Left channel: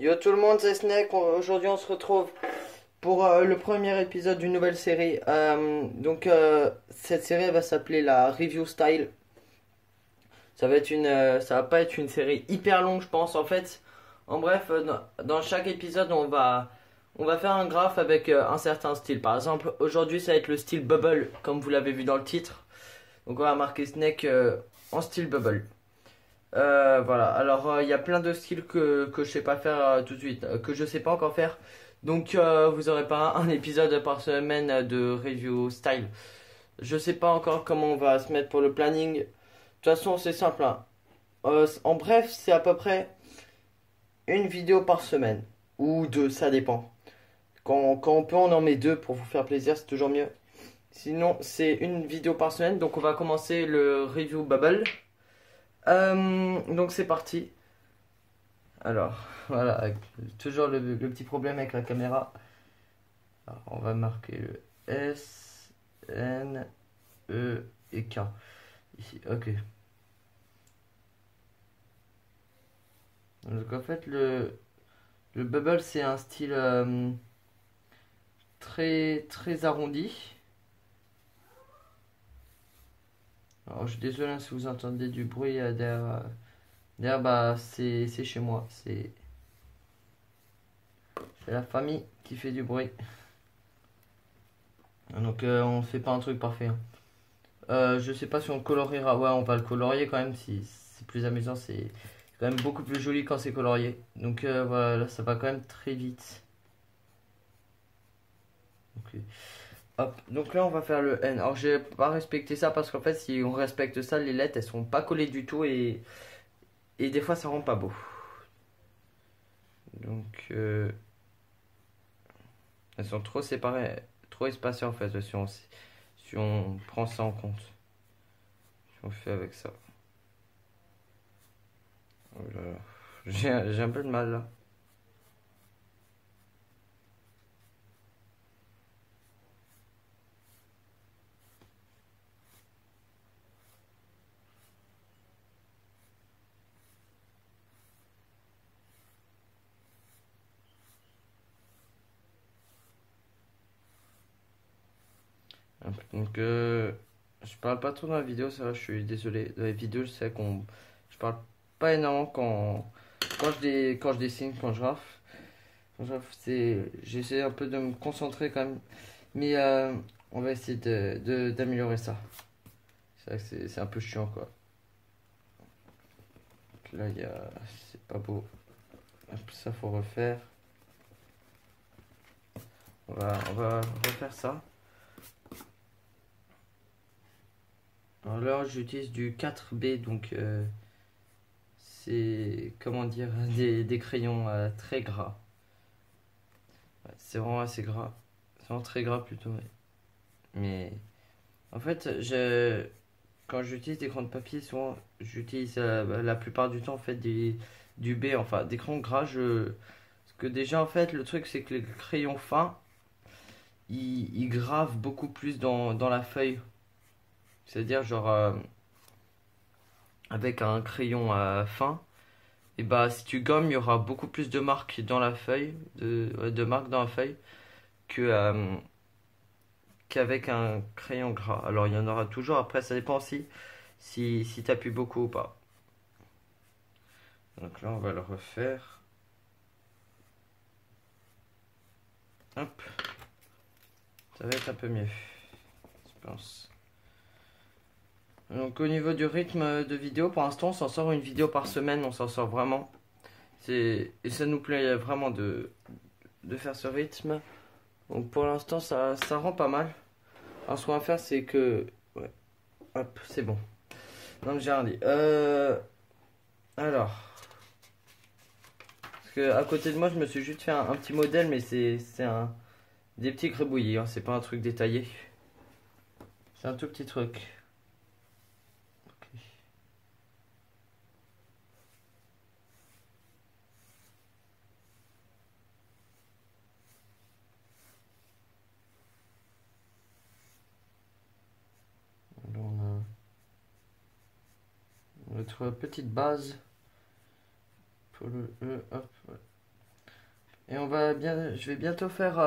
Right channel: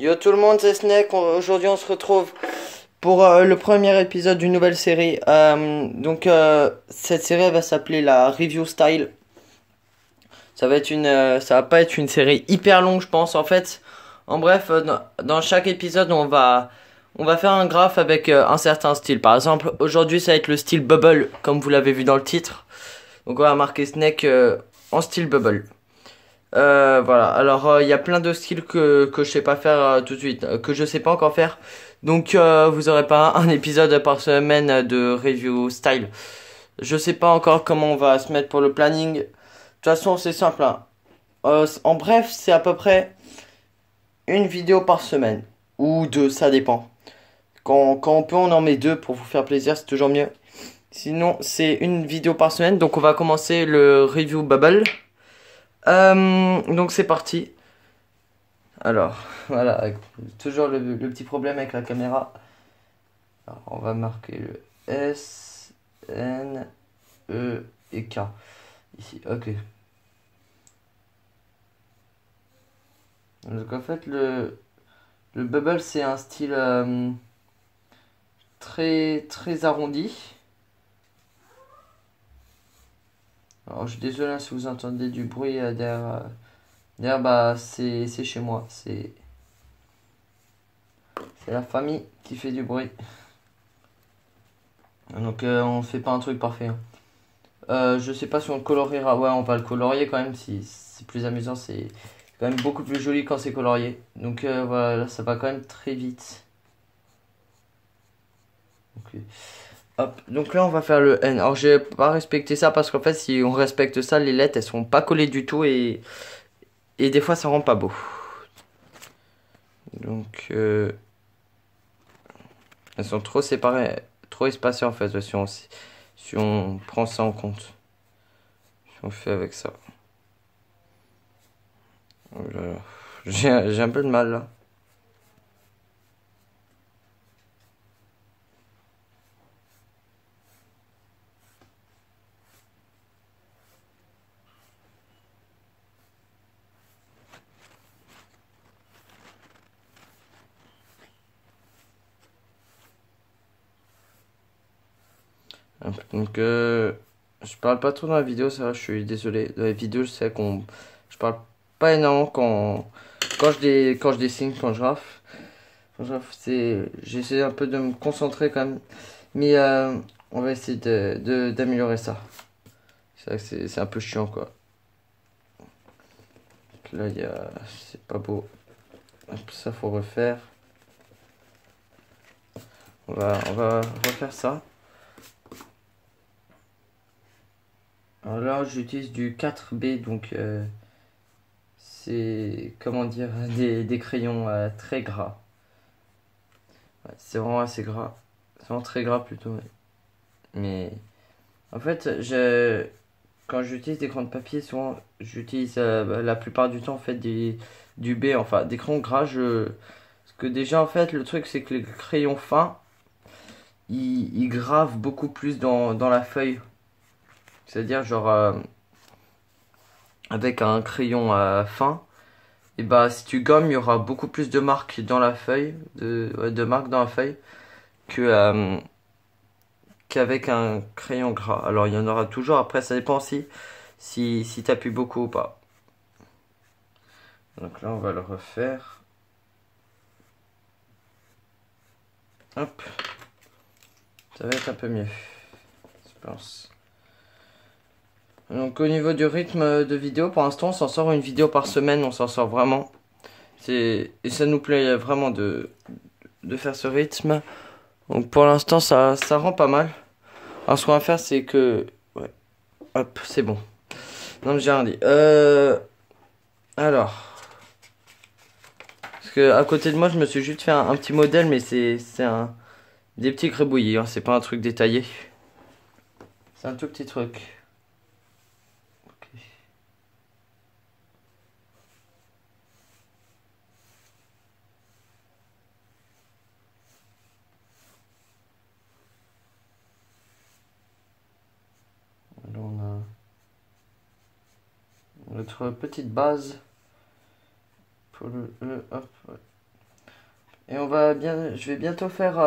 Yo tout le monde, c'est Snake. Aujourd'hui, on se retrouve pour le premier épisode d'une nouvelle série. Cette série elle va s'appeler la Review Style. Ça va pas être une série hyper longue, je pense. En fait, en bref, dans chaque épisode, on va faire un graphe avec un certain style. Par exemple, aujourd'hui, ça va être le style Bubble, comme vous l'avez vu dans le titre. Donc, on va marquer Snake en style Bubble. Voilà, alors il y a plein de styles que je sais pas faire tout de suite, que je sais pas encore faire. Donc vous aurez pas un épisode par semaine de review style. Je sais pas encore comment on va se mettre pour le planning. De toute façon, c'est simple, hein. En bref, c'est à peu près une vidéo par semaine. Ou deux, ça dépend. Quand on peut, on en met deux pour vous faire plaisir, c'est toujours mieux. Sinon, c'est une vidéo par semaine. Donc on va commencer le review Bubble. Donc c'est parti. Alors, voilà, toujours le petit problème avec la caméra. Alors, on va marquer le S, N, E et K. Ici, ok. Donc en fait, le bubble, c'est un style très arrondi. Alors, je suis désolé hein, si vous entendez du bruit derrière. Derrière, bah, c'est chez moi. C'est la famille qui fait du bruit. Donc, on fait pas un truc parfait, hein. Je sais pas si on le coloriera. Ouais, on va le colorier quand même. Si c'est plus amusant, c'est quand même beaucoup plus joli quand c'est colorié. Donc voilà, là, ça va quand même très vite. Ok. Hop. Donc là, on va faire le N. Alors, j'ai pas respecté ça parce qu'en fait, si on respecte ça, les lettres, elles sont pas collées du tout et des fois, ça rend pas beau. Donc, elles sont trop séparées, trop espacées en fait, si on prend ça en compte. Si on fait avec ça. Oh là là. J'ai un peu de mal là. Donc, je parle pas trop dans la vidéo, ça va, je suis désolé. Dans la vidéo, je sais qu'on. Je parle pas énormément quand je dessine, quand je rafle. Quand je rafle, j'essaie un peu de me concentrer quand même. Mais on va essayer d'améliorer ça. C'est vrai que c'est un peu chiant, quoi. Donc là, c'est pas beau. Hop, ça, faut refaire. On va refaire ça. Alors là, j'utilise du 4B, donc c'est, comment dire, des crayons très gras. Ouais, c'est vraiment assez gras. C'est vraiment très gras plutôt. Ouais. Mais en fait, quand j'utilise des crayons de papier, souvent j'utilise la plupart du temps en fait du B, enfin des crayons gras. Parce que déjà en fait, le truc c'est que les crayons fins, ils gravent beaucoup plus dans la feuille. C'est-à-dire genre avec un crayon fin. Et bah si tu gommes, il y aura beaucoup plus de marques dans la feuille, de marques dans la feuille que qu'avec un crayon gras. Alors il y en aura toujours, après ça dépend aussi si tu appuies beaucoup ou pas. Donc là on va le refaire. Hop, ça va être un peu mieux, je pense. Donc au niveau du rythme de vidéo, pour l'instant on s'en sort une vidéo par semaine, on s'en sort vraiment. Et ça nous plaît vraiment de faire ce rythme. Donc pour l'instant ça rend pas mal. Alors ce qu'on va faire c'est que... Ouais, hop, c'est bon. Non mais j'ai rien dit. Alors... Parce que à côté de moi, je me suis juste fait un petit modèle, mais des petits gribouillis, hein, c'est pas un truc détaillé. C'est un tout petit truc. Ok. Alors on a notre petite base pour le hop. Ouais. Et je vais bientôt faire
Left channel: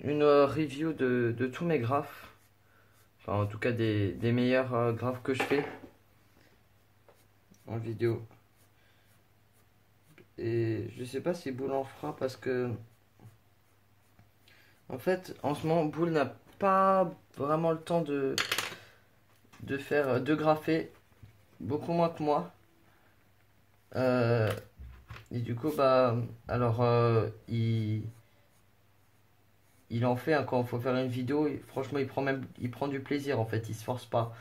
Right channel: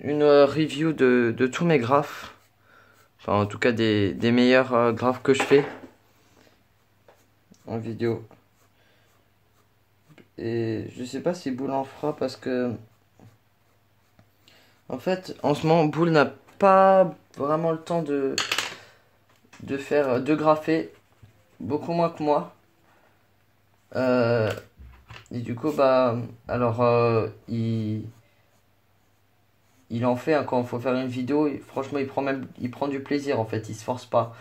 une review de tous mes graphes. Enfin, en tout cas, des meilleurs graphes que je fais en vidéo. Et je sais pas si Boule en fera parce que, en fait, en ce moment, Boule n'a pas vraiment le temps de faire, de grapher. Beaucoup moins que moi. Euh, et du coup, bah, alors, il en fait hein, quand il faut faire une vidéo. Franchement, il prend du plaisir en fait. Il se force pas.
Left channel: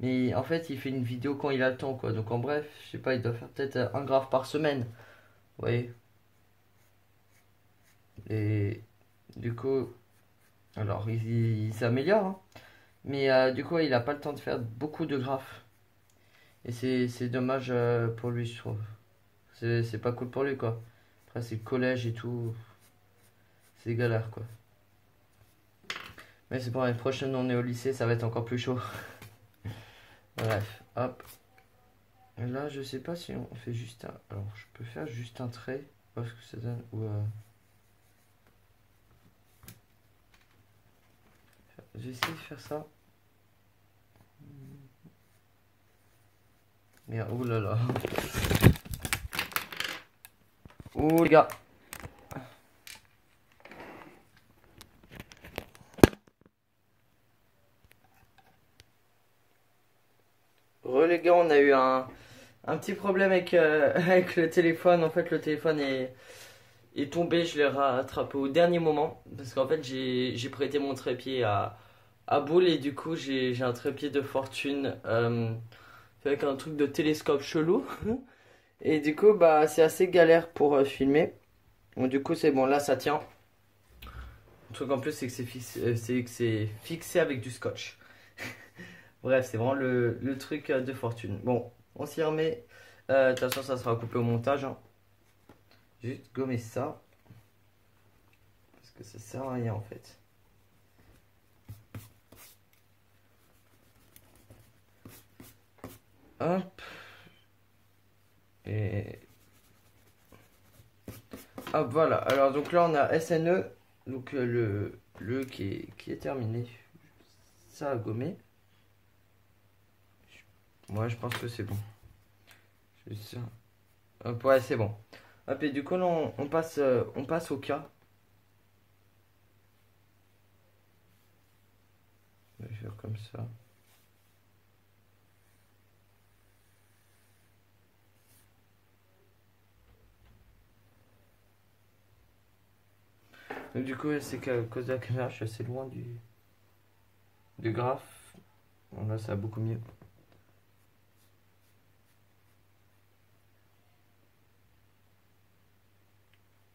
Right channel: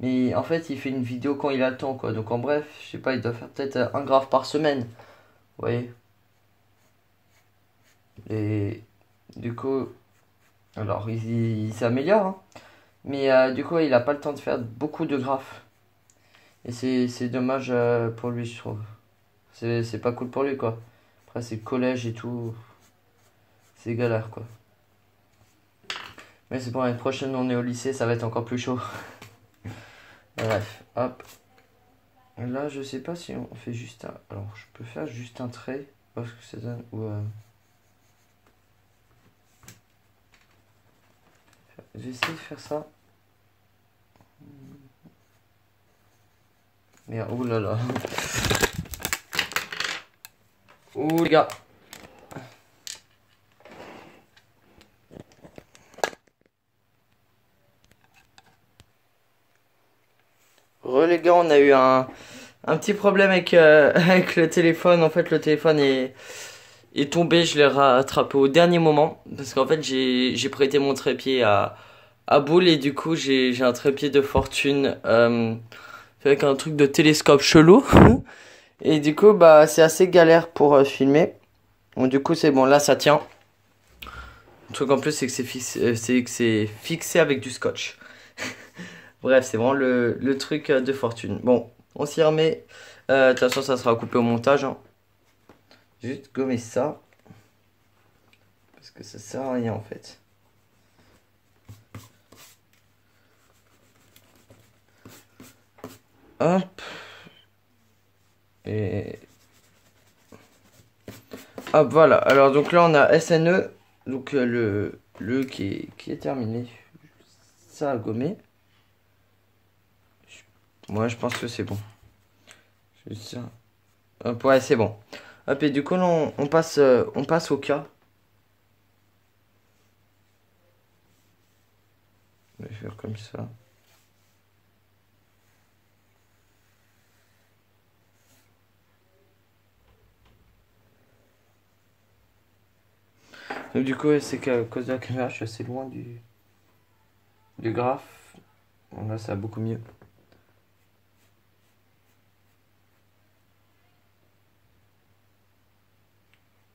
Mais en fait, il fait une vidéo quand il a le temps quoi. Donc en bref, je sais pas, il doit faire peut-être un graphe par semaine. Vous voyez. Et du coup, alors il s'améliore. Hein. Mais du coup, il a pas le temps de faire beaucoup de graphes. Et c'est dommage pour lui, je trouve. C'est pas cool pour lui quoi. Après, c'est le collège et tout. C'est galère quoi. Mais c'est bon, l'année prochaine, on est au lycée, ça va être encore plus chaud. Bref, hop. Là, je sais pas si on fait juste un. Alors, je peux faire juste un trait. Parce que ça donne. Ou, j'ai essayé de faire ça. Mais oh là là. Oh les gars. Les gars, on a eu un petit problème avec, avec le téléphone. En fait, le téléphone est tombé. Je l'ai rattrapé au dernier moment. Parce qu'en fait, j'ai prêté mon trépied à Boule. Et du coup, j'ai un trépied de fortune avec un truc de télescope chelou. Et du coup, bah, c'est assez galère pour filmer. Donc, du coup, c'est bon. Là, ça tient. Le truc en plus, c'est que c'est fixé avec du scotch. Bref, c'est vraiment le truc de fortune. Bon, on s'y remet. De toute façon, ça sera coupé au montage. Hein. Juste gommer ça. Parce que ça sert à rien en fait. Hop. Et. Hop, voilà. Alors, donc là, on a SNE. Donc, le qui est terminé. Ça a gommé. Moi, je pense que c'est bon. Juste ça. Hop, ouais, c'est bon. Hop, et du coup, là, on passe au cas. On va faire comme ça. Donc, du coup, c'est qu'à cause de la caméra, je suis assez loin du graphe. Bon, là, ça va beaucoup mieux.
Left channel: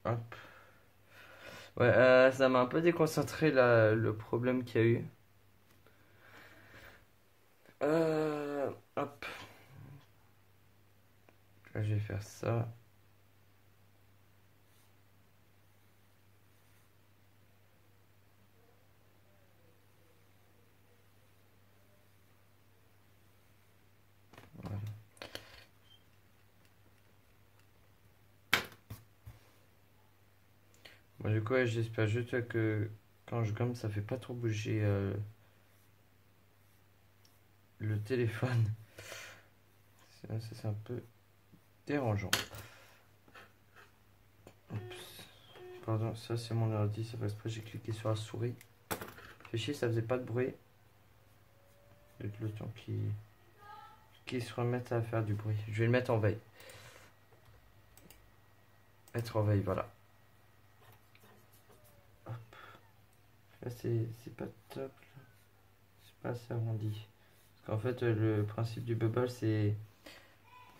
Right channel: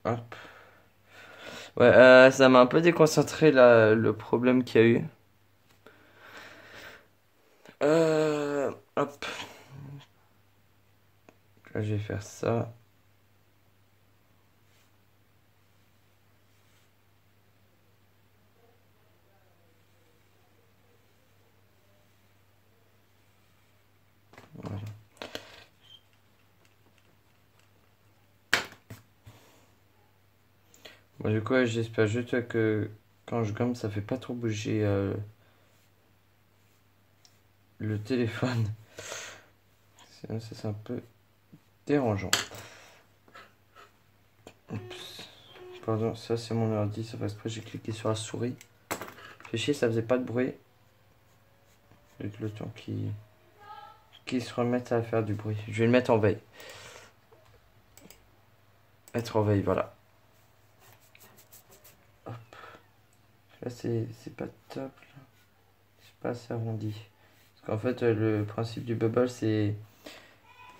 Hop. Ouais, ça m'a un peu déconcentré là, le problème qu'il y a eu. Hop. Là, je vais faire ça. Voilà. Bon, du coup, ouais, j'espère juste que quand je gomme, ça fait pas trop bouger le téléphone. Sinon, ça, c'est un peu dérangeant. Oups. Pardon, ça c'est mon ordi, ça fait exprès, j'ai cliqué sur la souris. Fait chier, ça faisait pas de bruit. Avec le temps qui se remette à faire du bruit. Je vais le mettre en veille. Mettre en veille, voilà. Hop. Là, c'est pas top. Là. C'est pas assez arrondi. Parce qu'en fait, le principe du bubble, c'est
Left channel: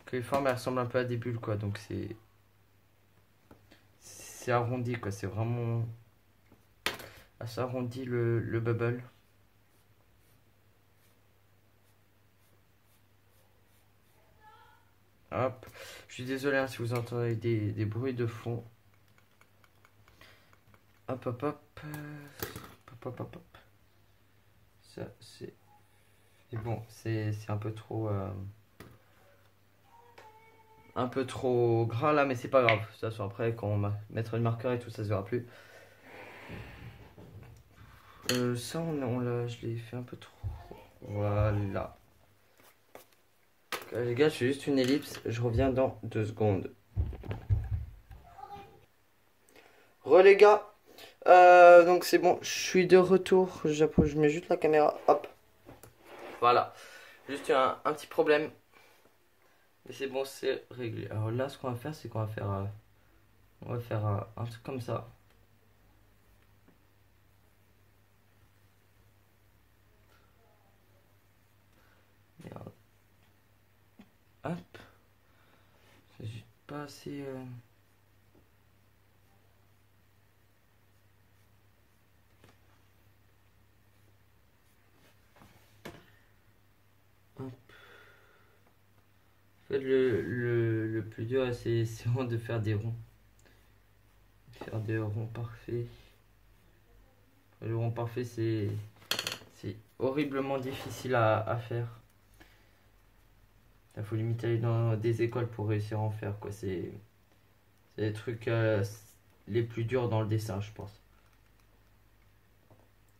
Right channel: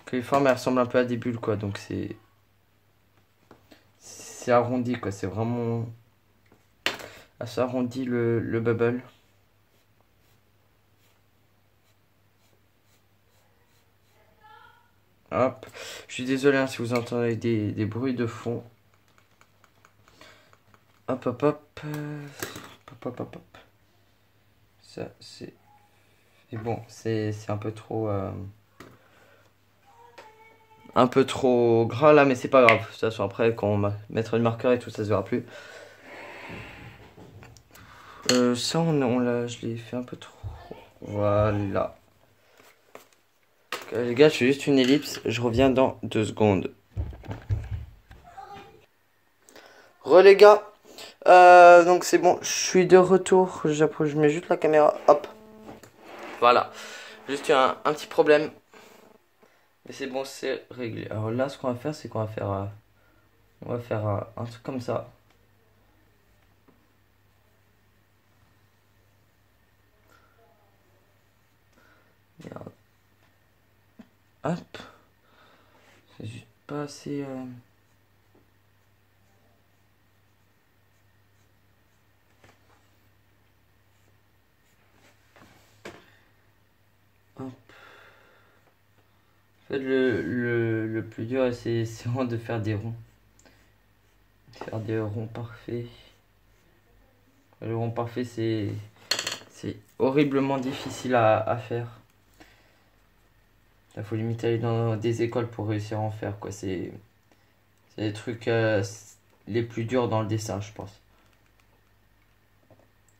que les formes elles ressemblent un peu à des bulles, quoi. Donc c'est arrondi, quoi. C'est vraiment assez arrondi le bubble. Hop. Je suis désolé hein, si vous entendez des bruits de fond. Hop, hop, hop. Hop, hop, hop, hop. Ça, c'est. Et bon, c'est un peu trop. un peu trop gras là, mais c'est pas grave. De toute façon, après, quand on va mettre le marqueur et tout, ça se verra plus. Ça, je l'ai fait un peu trop. Voilà. Les gars, je fais juste une ellipse. Je reviens dans 2 secondes. Les gars. Donc c'est bon, je suis de retour. Je mets juste la caméra. Hop. Voilà. Juste un petit problème. Mais c'est bon, c'est réglé. Alors là, ce qu'on va faire, c'est qu'on va faire, on va faire un truc comme ça. Merde. Hop. C'est juste pas assez. Hop. En fait, le plus dur, c'est vraiment de faire des ronds. Faire des ronds parfaits. Le rond parfait, c'est horriblement difficile à faire. Il faut limite aller dans des écoles pour réussir à en faire, quoi. C'est les trucs les plus durs dans le dessin, je pense.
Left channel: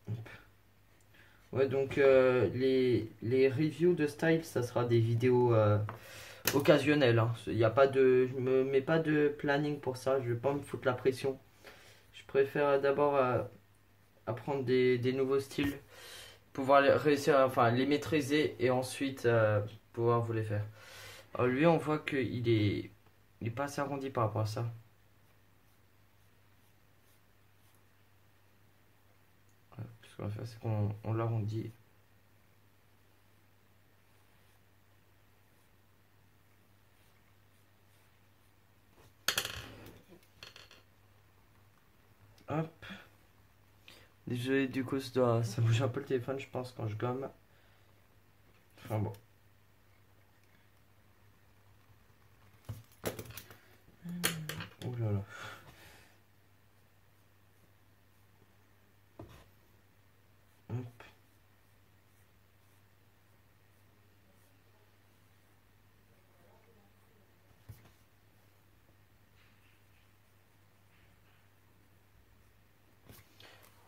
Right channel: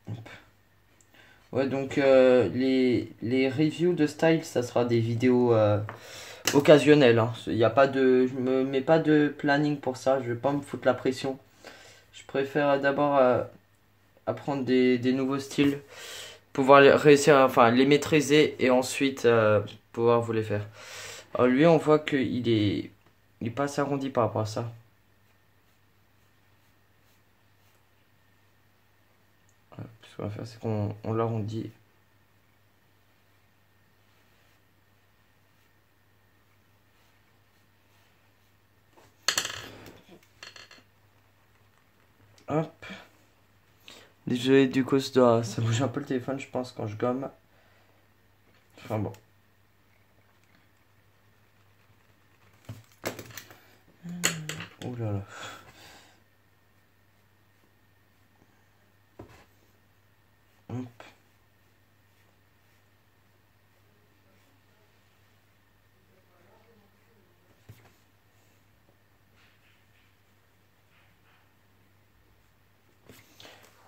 Hop. Ouais, donc les reviews de style, ça sera des vidéos occasionnelles. Hein. Y a pas de, je me mets pas de planning pour ça, je vais pas me foutre la pression. Je préfère d'abord apprendre des nouveaux styles, pouvoir réussir, enfin les maîtriser et ensuite pouvoir vous les faire. Alors lui, on voit il est pas assez arrondi par rapport à ça. Ce qu'on va faire, c'est qu'on l'arrondit. Hop. Désolé, du coup, ça bouge un peu le téléphone, je pense, quand je gomme. Enfin bon. Oh là là. Hop.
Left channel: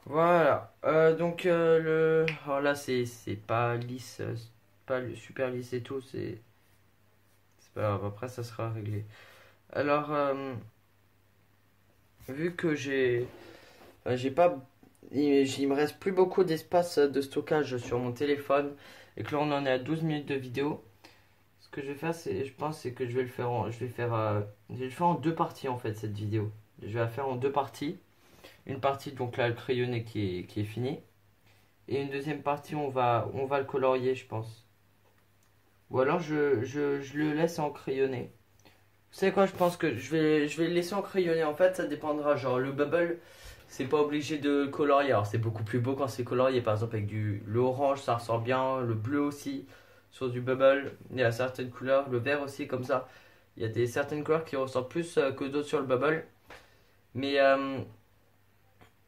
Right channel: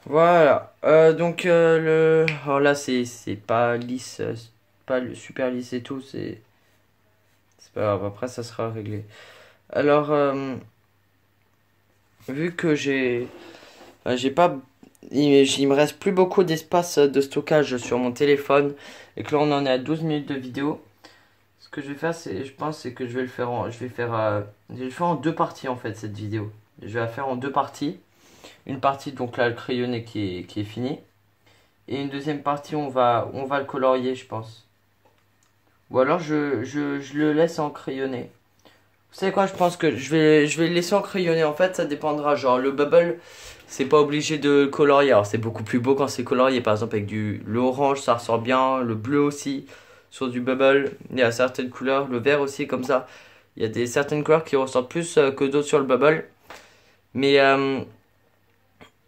Voilà. Donc, alors là, c'est pas lisse, c'est pas super lisse et tout, c'est pas grave. Après, ça sera réglé. Alors, vu que j'ai pas, il me reste plus beaucoup d'espace de stockage sur mon téléphone et que là, on en est à 12 minutes de vidéo. Ce que je vais faire, je pense, c'est que je vais le faire je vais le faire en 2 parties en fait cette vidéo. Je vais la faire en 2 parties. Une partie donc là le crayonné qui est fini. Et une deuxième partie on va le colorier je pense. Ou alors je le laisse en crayonné. Vous savez quoi, je pense que je vais le laisser en crayonné. En fait ça dépendra. Genre le bubble c'est pas obligé de le colorier. Alors c'est beaucoup plus beau quand c'est colorié. Par exemple avec l'orange ça ressort bien. Le bleu aussi sur du bubble. Il y a certaines couleurs. Le vert aussi comme ça. Il y a certaines couleurs qui ressortent plus que d'autres sur le bubble. Mais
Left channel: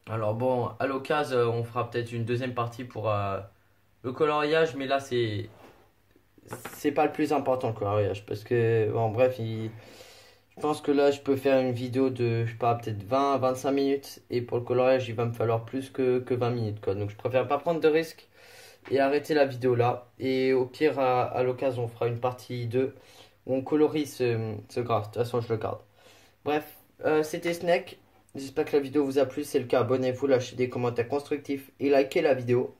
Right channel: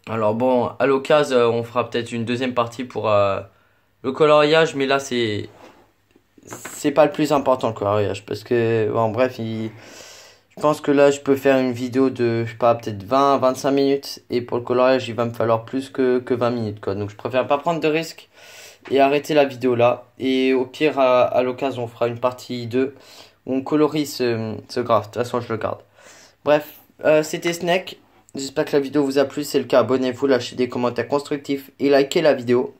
alors bon, à l'occasion, on fera peut-être une deuxième partie pour le coloriage, mais là c'est pas le plus important le coloriage parce que bon, bref, je pense que là je peux faire une vidéo de je sais pas peut-être 20-25 minutes et pour le coloriage, il va me falloir plus que 20 minutes quoi. Donc je préfère pas prendre de risques et arrêter la vidéo là et au pire à l'occasion, on fera une partie 2 où on colorie ce graphe. De toute façon, je le garde. Bref, c'était Snake. J'espère que la vidéo vous a plu. Si c'est le cas, abonnez-vous, lâchez des commentaires constructifs et likez la vidéo.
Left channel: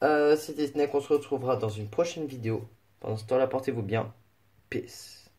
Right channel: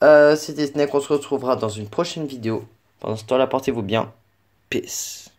C'était Snake. On se retrouvera dans une prochaine vidéo. Pendant ce temps-là, portez-vous bien. Peace.